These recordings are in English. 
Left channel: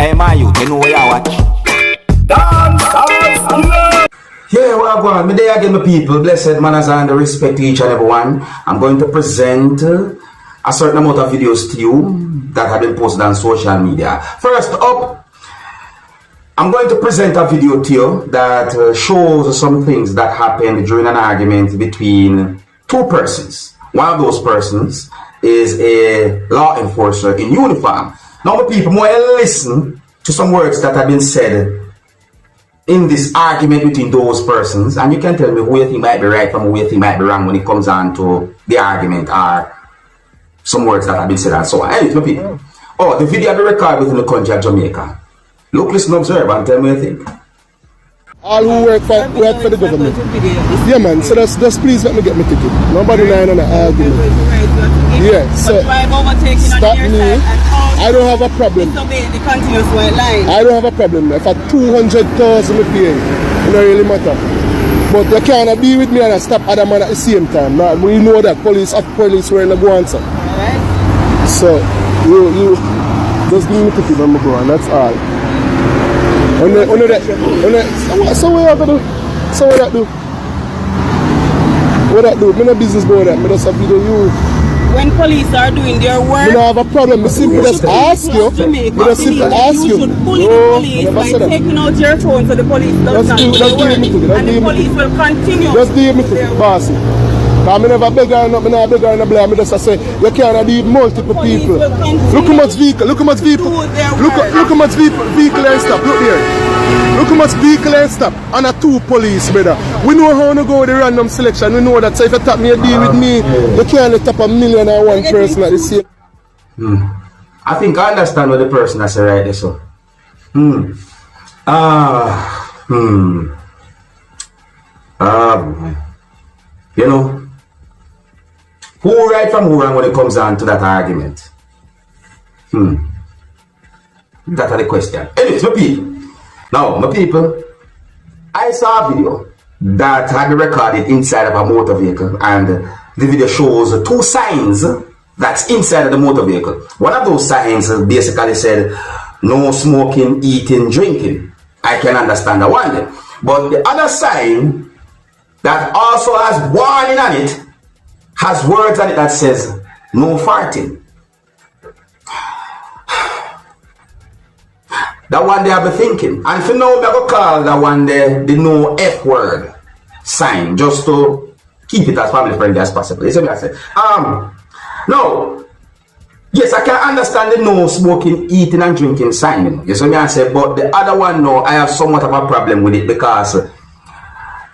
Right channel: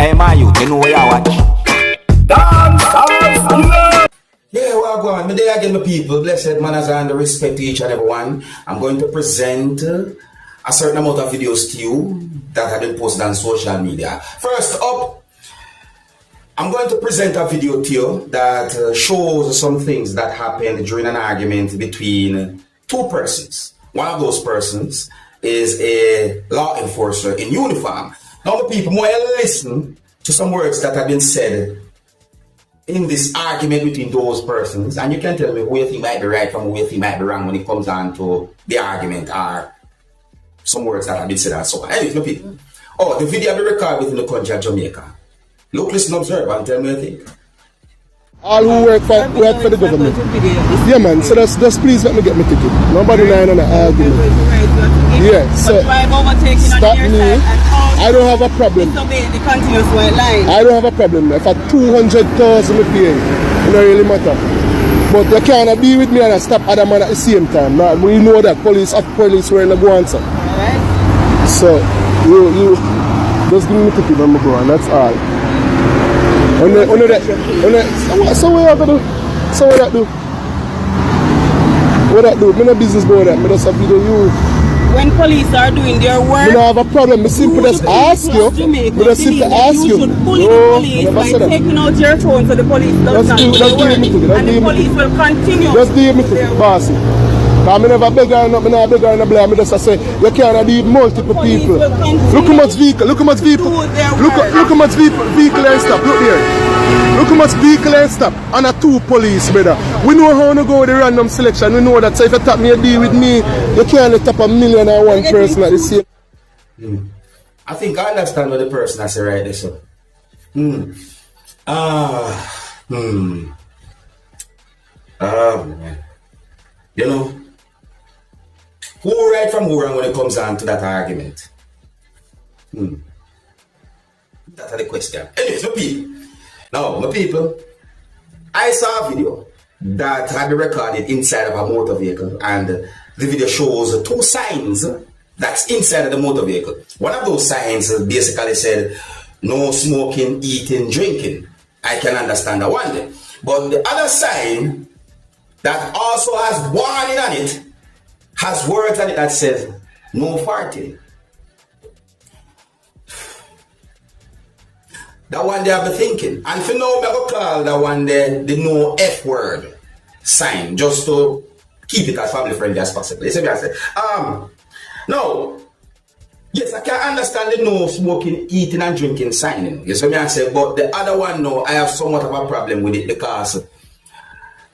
Hey, my youth, you know where you watch? Dancehall skilla. Yeah, well, go on. Me there again, my people. Blessed manners and respect to each and every one. I'm going to present a certain amount of videos to you that have been posted on social media. First up, I'm going to present a video to you that shows some things that happened during an argument between two persons. One of those persons is a law enforcer in uniform. Now, my people, more listen to some words that have been said in this argument between those persons, and you can tell me who you think might be right from who you think might be wrong when it comes on to the argument or some words that have been said and so on. Anyways, my people, the video be recorded within the country of Jamaica. Look, listen, observe, and tell me what you think. All who work for the government. Yeah, man, so just please let me get my ticket. Nobody lying on the argument. Yeah, so stop me. I don't have a problem. I don't have a problem. If I 200,000 I pay, it don't really matter. But you can't be with me and stop other man at the same time. Now, we know that police were in the go answer. So, you just give me the ticket and go, and that's all. So what you gonna do? So what that do? What that do? Me no business about that. Me just have to do you. When police are doing their work, me no have a problem. Me simply just ask you. Me just simply ask you. You should bully the police by taking out your phone so the police does not do their work. And the police will continue. Just do me to bossy. Because I never beg her, I never beg her and blame. I just say, you can't need multiple people. Look how much vehicle, look how much vehicle. Look how much vehicle and stop. Look there. Look how much vehicle and stop. And a two police, brother. We know how to go with the random selection. We know that. So if you tap me a deal with me, you can't tap 1,000,001 person at the same. I think I understand what the person has said right there, so. You know, who right from who wrong when it comes down to that argument? That's the question. Anyways, my people. Now, my people, I saw a video that had been recorded inside of a motor vehicle, and the video shows two signs that's inside of the motor vehicle. One of those signs basically said, no smoking, eating, drinking. I can understand that one. But the other sign that also has warning on it, has words on it that says, no farting. That one day I've been thinking. And for now, I'm going to call that one day the no F word sign, just to keep it as family friendly as possible. You see what I say? No. Yes, I can understand the no smoking, eating and drinking sign. You see what I say? But the other one, no, I have somewhat of a problem with it because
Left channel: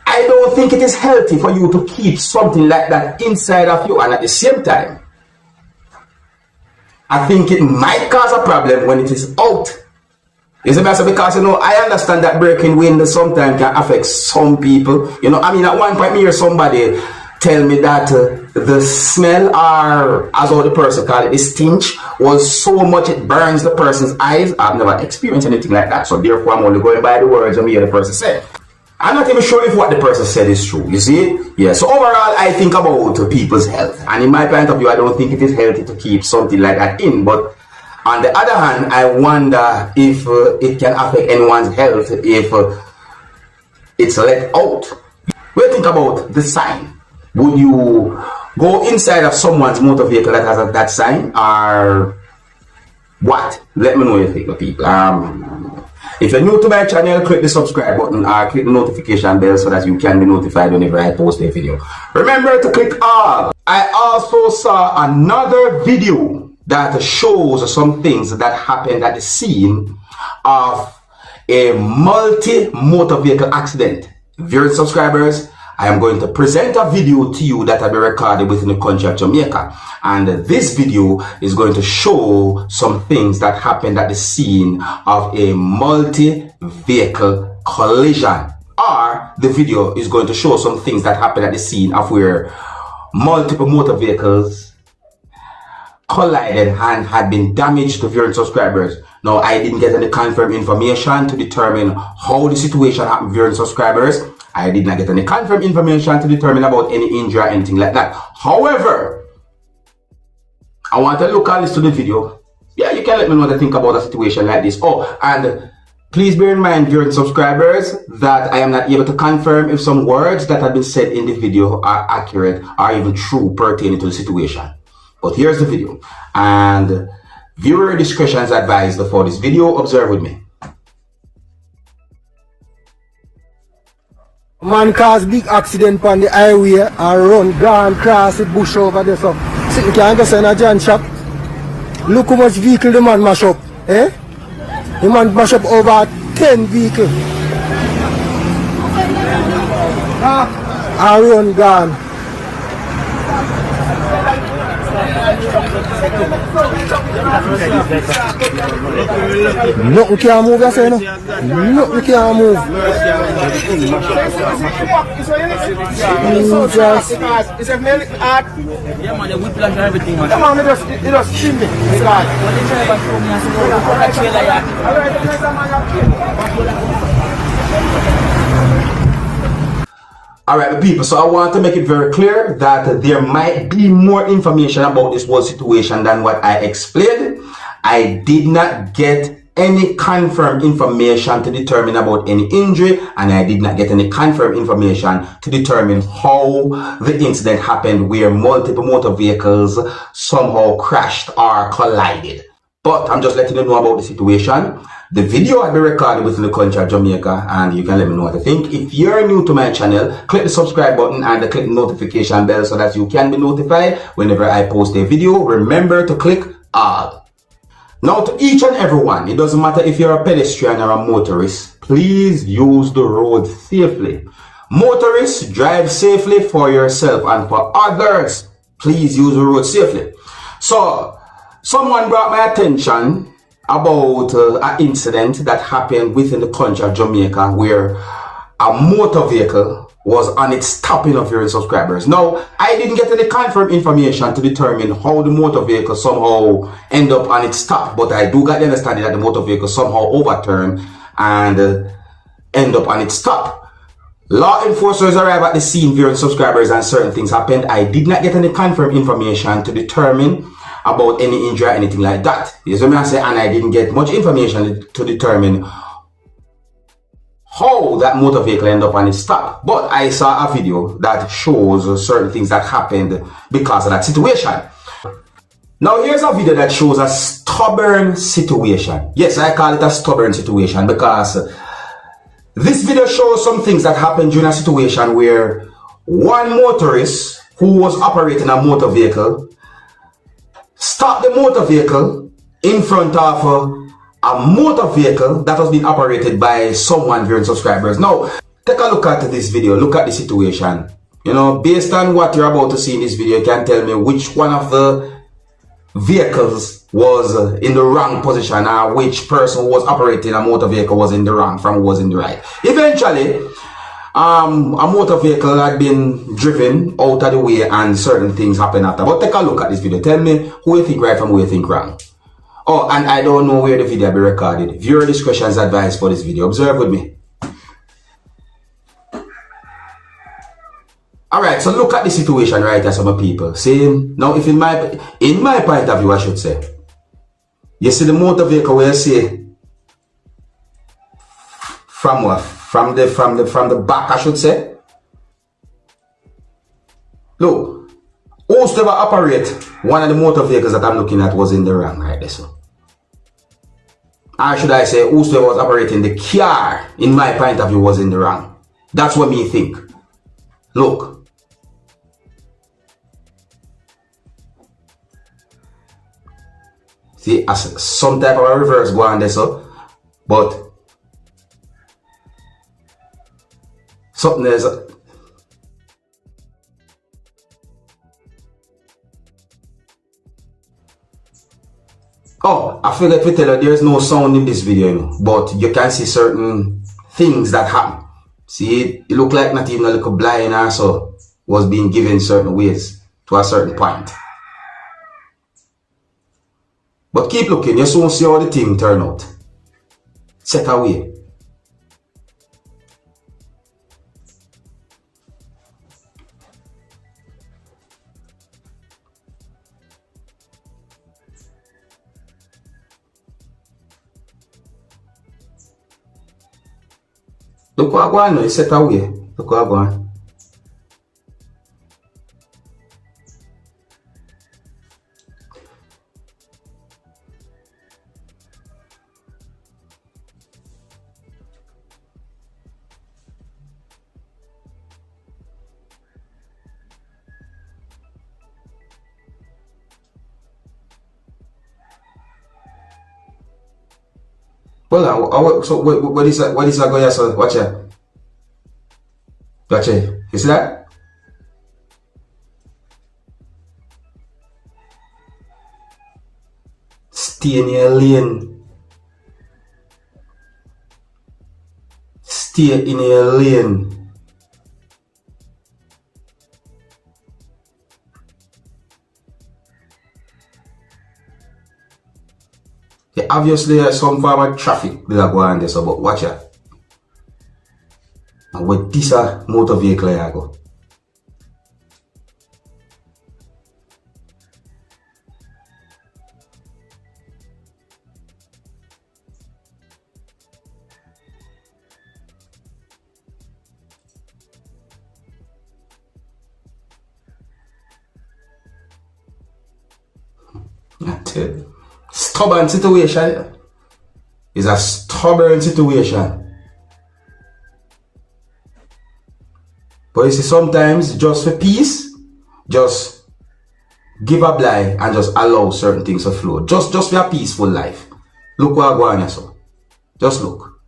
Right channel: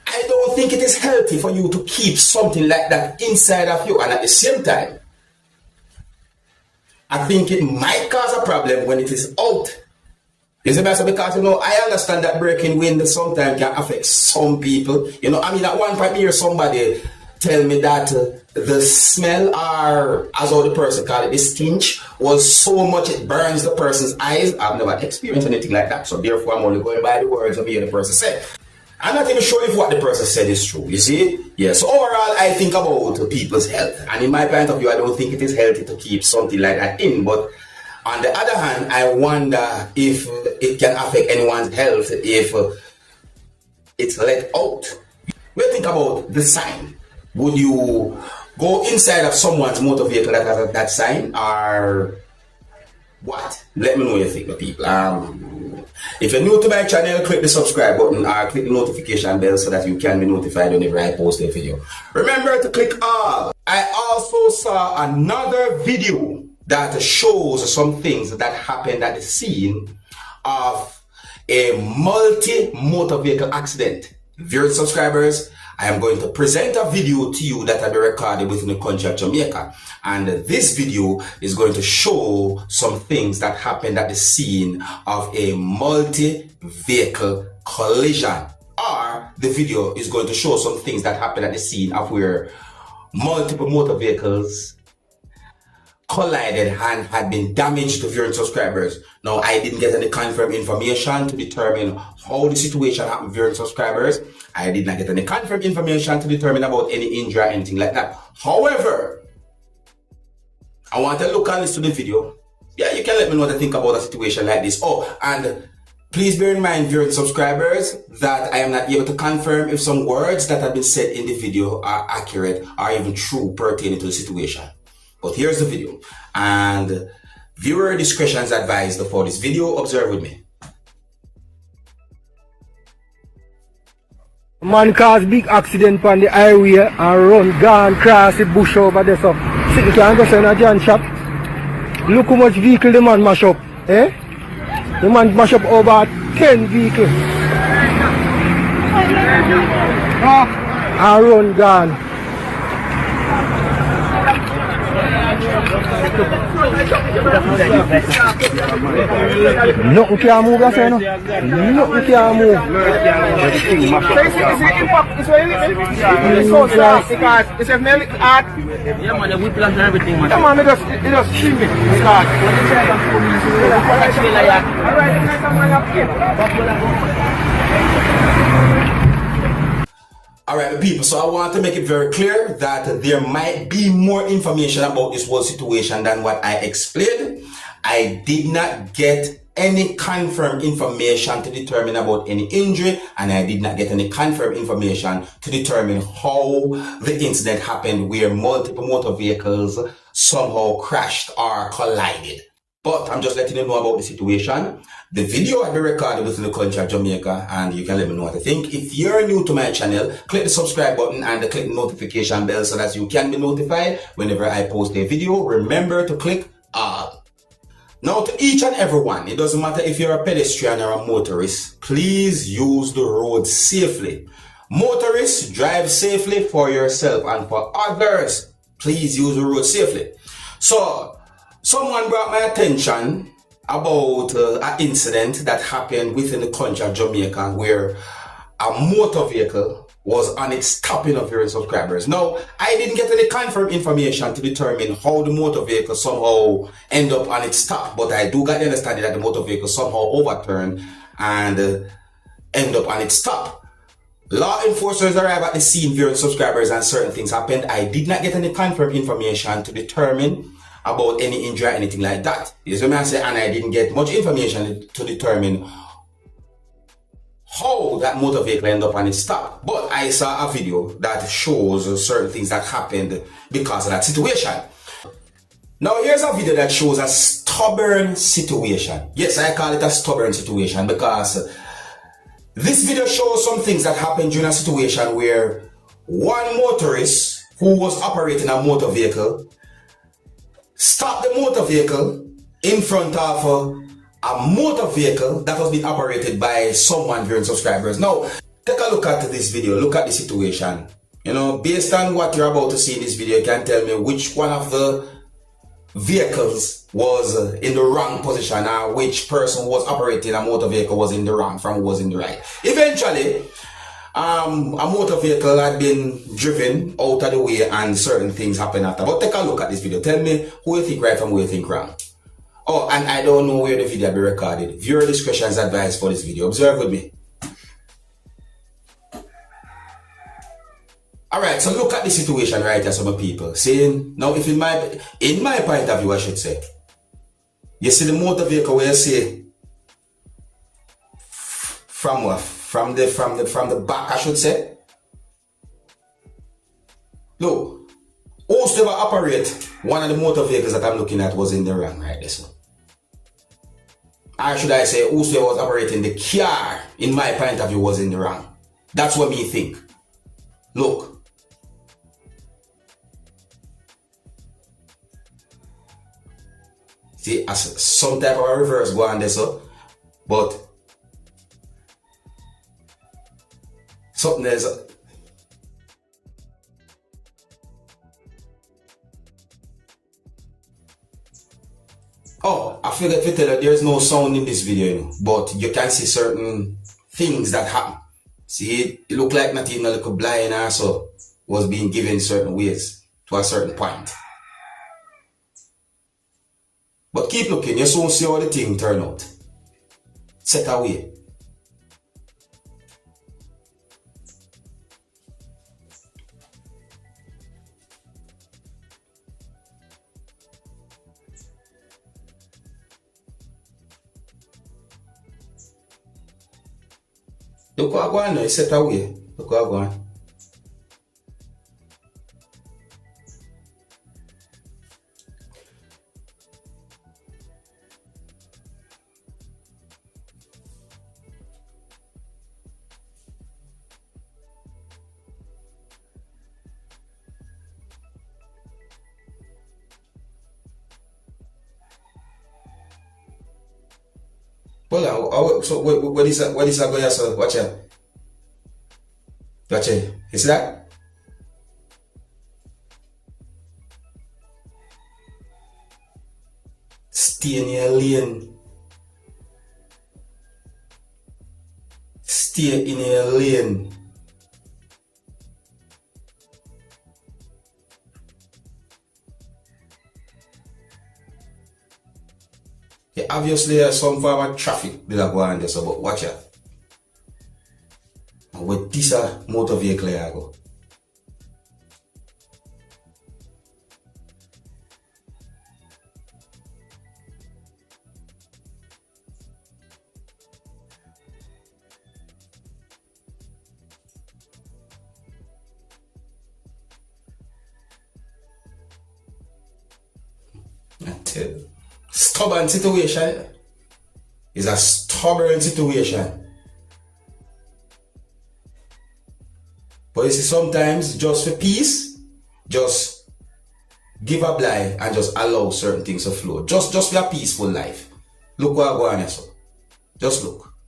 I don't think it is healthy for you to keep something like that inside of you, and at the same time, I think it might cause a problem when it is out. You see, because I understand that breaking wind sometimes can affect some people. You know, I mean, at one point, me hear somebody tell me that the smell, or as all the person called it, the stench, was so much it burns the person's eyes. I've never experienced anything like that, so therefore I'm only going by the words of me the person said. I'm not even sure if what the person said is true, you see? Yeah, so overall, I think about people's health. And in my point of view, I don't think it is healthy to keep something like that in. But on the other hand, I wonder if it can affect anyone's health if it's let out. What do you think about the sign? Would you go inside of someone's motor vehicle that has that sign? Or what? Let me know what you think, people. If you're new to my channel, click the subscribe button or click the notification bell so that you can be notified whenever I post a video. Remember to click all. I also saw another video that shows some things that happened at the scene of a multi-motor vehicle accident. Viewers, subscribers, I am going to present a video to you that will be recorded within the country of Jamaica. And this video is going to show some things that happened at the scene of a multi-vehicle collision. Or the video is going to show some things that happened at the scene of where multiple motor vehicles collided and had been damaged to viewers, subscribers. Now, I didn't get any confirmed information to determine how the situation happened, viewers, subscribers. I did not get any confirmed information to determine about any injury or anything like that. However, I want to look and listen to the video yeah, you can let me know what you think about a situation like this. Oh, and please bear in mind, viewers and subscribers, that I am not able to confirm if some words that have been said in the video are accurate or even true pertaining to the situation. But here's the video, and viewer discretion is advised for this video. Observe with me. Man cause big accident on the highway and run, gone cross the bush over there. So, you can't go say in a John shop. Look how much vehicle the man mash up. Eh? The man mash up over 10 vehicles. And run, gone. Nothing can move, I say no. Nothing can move. It's a very art. Yeah, man, the whiplash and everything, man. Come on, it just steam me. Alright, people, so I want to make it very clear that there might be more information about this whole situation than what I explained. I did not get any confirmed information to determine about any injury, and I did not get any confirmed information to determine how the incident happened where multiple motor vehicles somehow crashed or collided. But I'm just letting you know about the situation. The video I've been recorded within the country of Jamaica, and you can let me know what you think. If you're new to my channel, click the subscribe button and click the notification bell so that you can be notified whenever I post a video. Remember to click all. Now, to each and everyone, it doesn't matter if you're a pedestrian or a motorist, please use the road safely. Motorists, drive safely for yourself and for others. Please use the road safely. So, someone brought my attention about an incident that happened within the country of Jamaica where a motor vehicle was on its stopping of your subscribers. Now, I didn't get any confirmed information to determine how the motor vehicle somehow end up on its stop, but I do get the understanding that the motor vehicle somehow overturned and end up on its stop. Law enforcers arrived at the scene, viewing subscribers, and certain things happened. I did not get any confirmed information to determine about any injury or anything like that. Yes, what I say, and I didn't get much information to determine how that motor vehicle ended up on its stop. But I saw a video that shows certain things that happened because of that situation. Now here's a video that shows a stubborn situation. Yes, I call it a stubborn situation because this video shows some things that happened during a situation where one motorist who was operating a motor vehicle stopped the motor vehicle in front of a motor vehicle that was being operated by someone viewing subscribers. Now, take a look at this video, look at the situation. You know, based on what you're about to see in this video, you can tell me which one of the vehicles was in the wrong position or which person who was operating a motor vehicle was in the wrong from who was in the right. Eventually, a motor vehicle had been driven out of the way and certain things happened after. But take a look at this video. Tell me who you think right from who you think wrong. Oh, and I don't know where the video will be recorded. Viewer discretion is advised for this video. Observe with me. Alright, so look at the situation right here, some people. See, now if in my point of view, I should say, you see the motor vehicle where you see from what? From the back, I should say. Look, whosoever operate one of the motor vehicles that I'm looking at was in the wrong right there, so. Or should I say, whosoever was operating the car, in my point of view, was in the wrong. That's what me think. Look. See, as some type of a reverse go on there, so. But something is. Oh, I forgot to tell you, there's no sound in this video, you know, but you can see certain things that happen. See, it looked like not even a little blind or so was being given certain ways to a certain point. But keep looking, you soon see how the thing turn out. Set away. Look what I go on, it's set away. Look what I go on. Well, so what is that? What is that going on? Watch it. Watch it. You see that? Stay in your lane. Stay in your lane. Yeah, obviously there's some form of traffic that go on there, so but watch it. And with this motor vehicle I go. That's it. Stubborn situation. It's a stubborn situation. But you see, sometimes just for peace, just give a lie and just allow certain things to flow. Just for a peaceful life. Look what I go on here, so. Just look.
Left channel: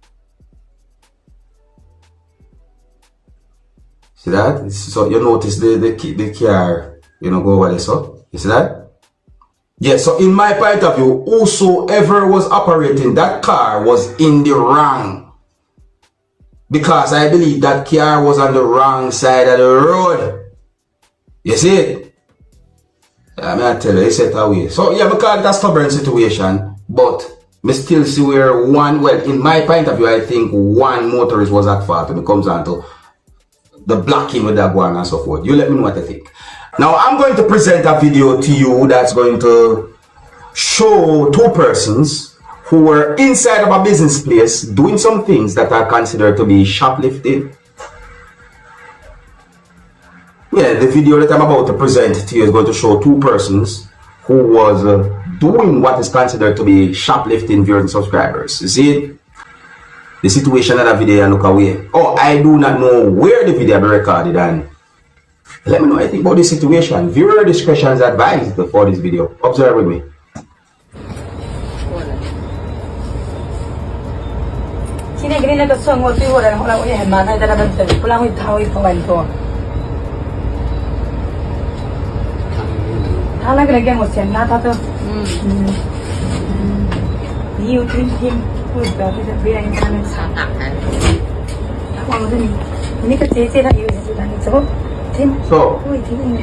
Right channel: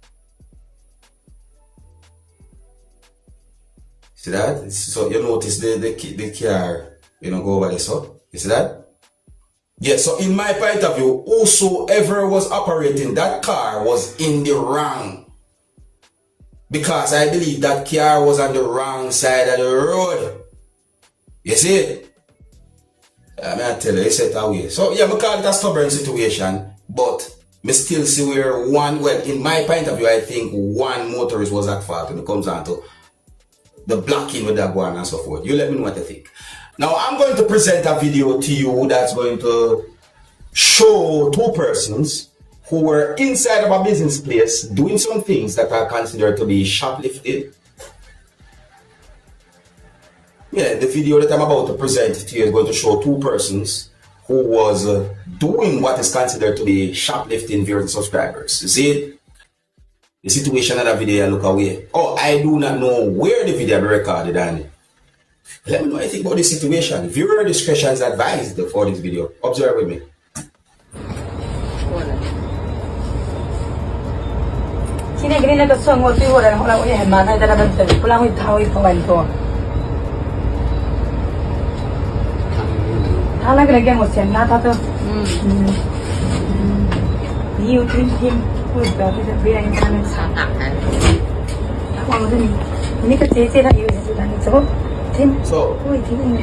See that? So you notice the car, you know, go over there, so. You see that? Yeah, so in my point of view, whosoever was operating that car was in the wrong. Because I believe that car was on the wrong side of the road. You see it? I tell you, it's set away. So yeah, we call it a stubborn situation, but me still see where one, well, in my point of view, I think one motorist was at fault when it comes down to the blocking with that one and so forth. You let me know what you think. Now, I'm going to present a video to you that's going to show two persons who were inside of a business place doing some things that are considered to be shoplifting. Yeah, the video that I'm about to present to you is going to show two persons who was doing what is considered to be shoplifting viewers and subscribers. You see the situation of that video and look away. Oh, I do not know where the video be recorded, and let me know what you think about this situation. Viewer discretion is advised for this video. Observe with me. So,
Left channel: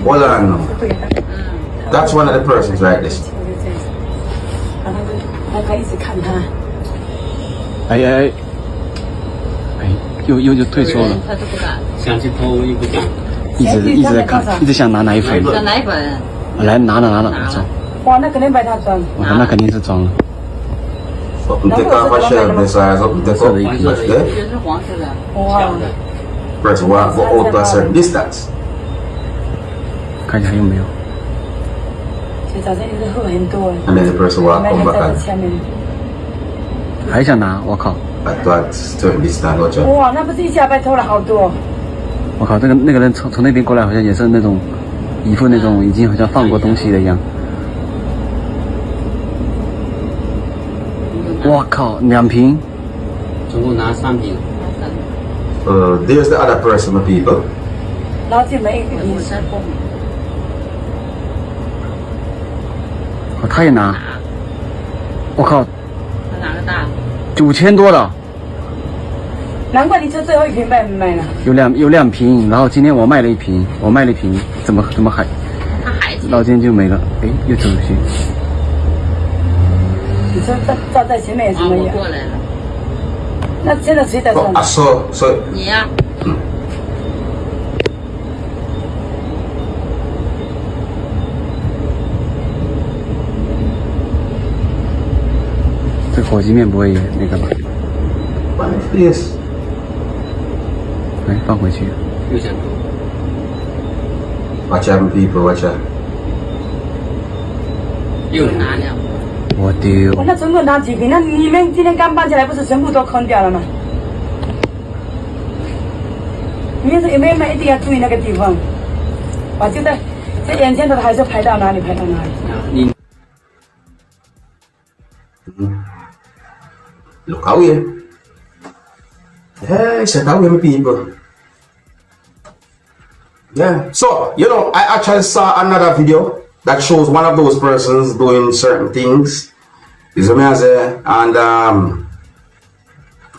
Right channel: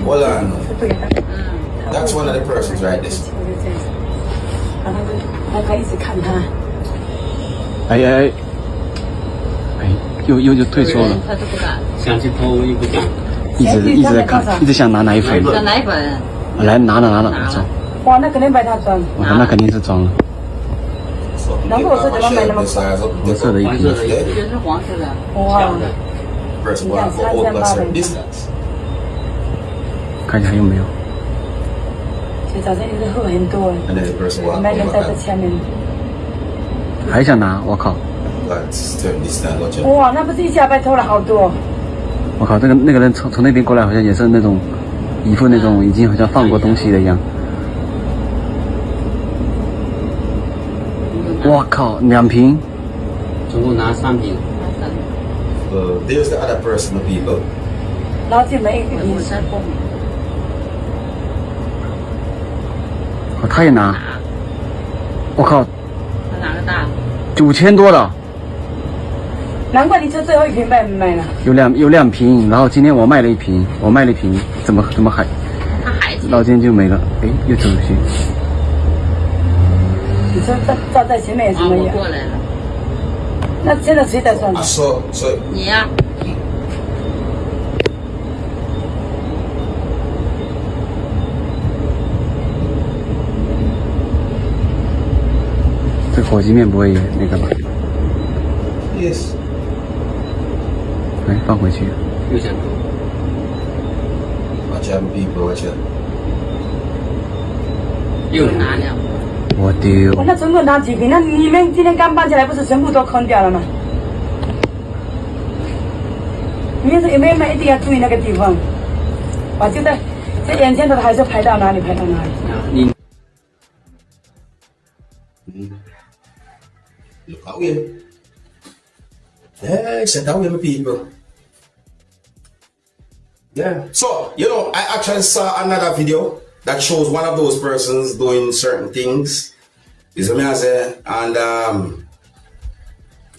hold on. That's one of the persons right there. 又退缩了。他都不敢。想去偷又不敢。一直在看，一直想拿奶粉。奶粉。来拿了，走。哇，那肯定被他装。那肯定是装了。然后我是怎么买那么黄色的一瓶？也是黄色的。哇。Press 1 for hold a certain distance. 看一下还有没有。And then press 1 come back. 还想拿，我靠！ That's certain distance. Watch out. 哇，那不是一下被偷了好多。我靠，那个人从那边过来，好像也是那种一副那种已经好像放过东西的一样。我靠，2瓶。总共拿3瓶。There's the other person, the people. 然后就没一瓶。哦，他也拿。我靠。他拿个大。9000多了。难怪你这最后一瓶卖没卖了。有2瓶，然后今天我卖了1瓶，怎么还？他还。到今天就没了，哎，又走出去。你说照在前面也是没有。我过来了。那现在谁在上？你呀。这火鸡面不会也那个吧？ Yes. 来放回去。 Watch out, people, watch out. 又拿了。我丢！那整个拿几瓶？那你们今天刚搬起来，不是全部都坑掉了吗？你们有没有一定要注意那个地方？把就在眼前的还是排到哪里？排到哪里？你 Look out here. Yeah, set out with people. Yeah. So, you know, I actually saw another video that shows one of those persons doing certain things. Is what I say, and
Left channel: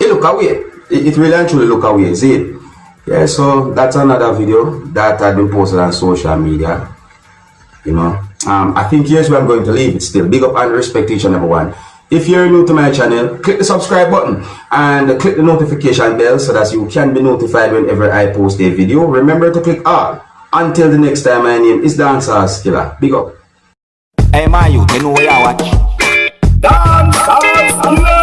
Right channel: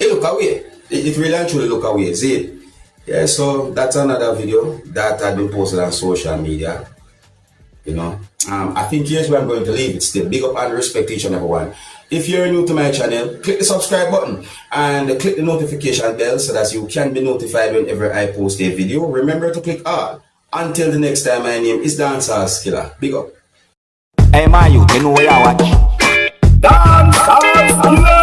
it look away. It really and truly look away, see it? Yeah, so that's another video that had been posted on social media. You know, I think here's where I'm going to leave it still. Big up and respect each and every one. If you're new to my channel, click the subscribe button and click the notification bell so that you can be notified whenever I post a video. Remember to click all. Until the next time, my name is Dancehall Skilla. Big up. Hey, my youth, you know where you watch? Dancehall skilla.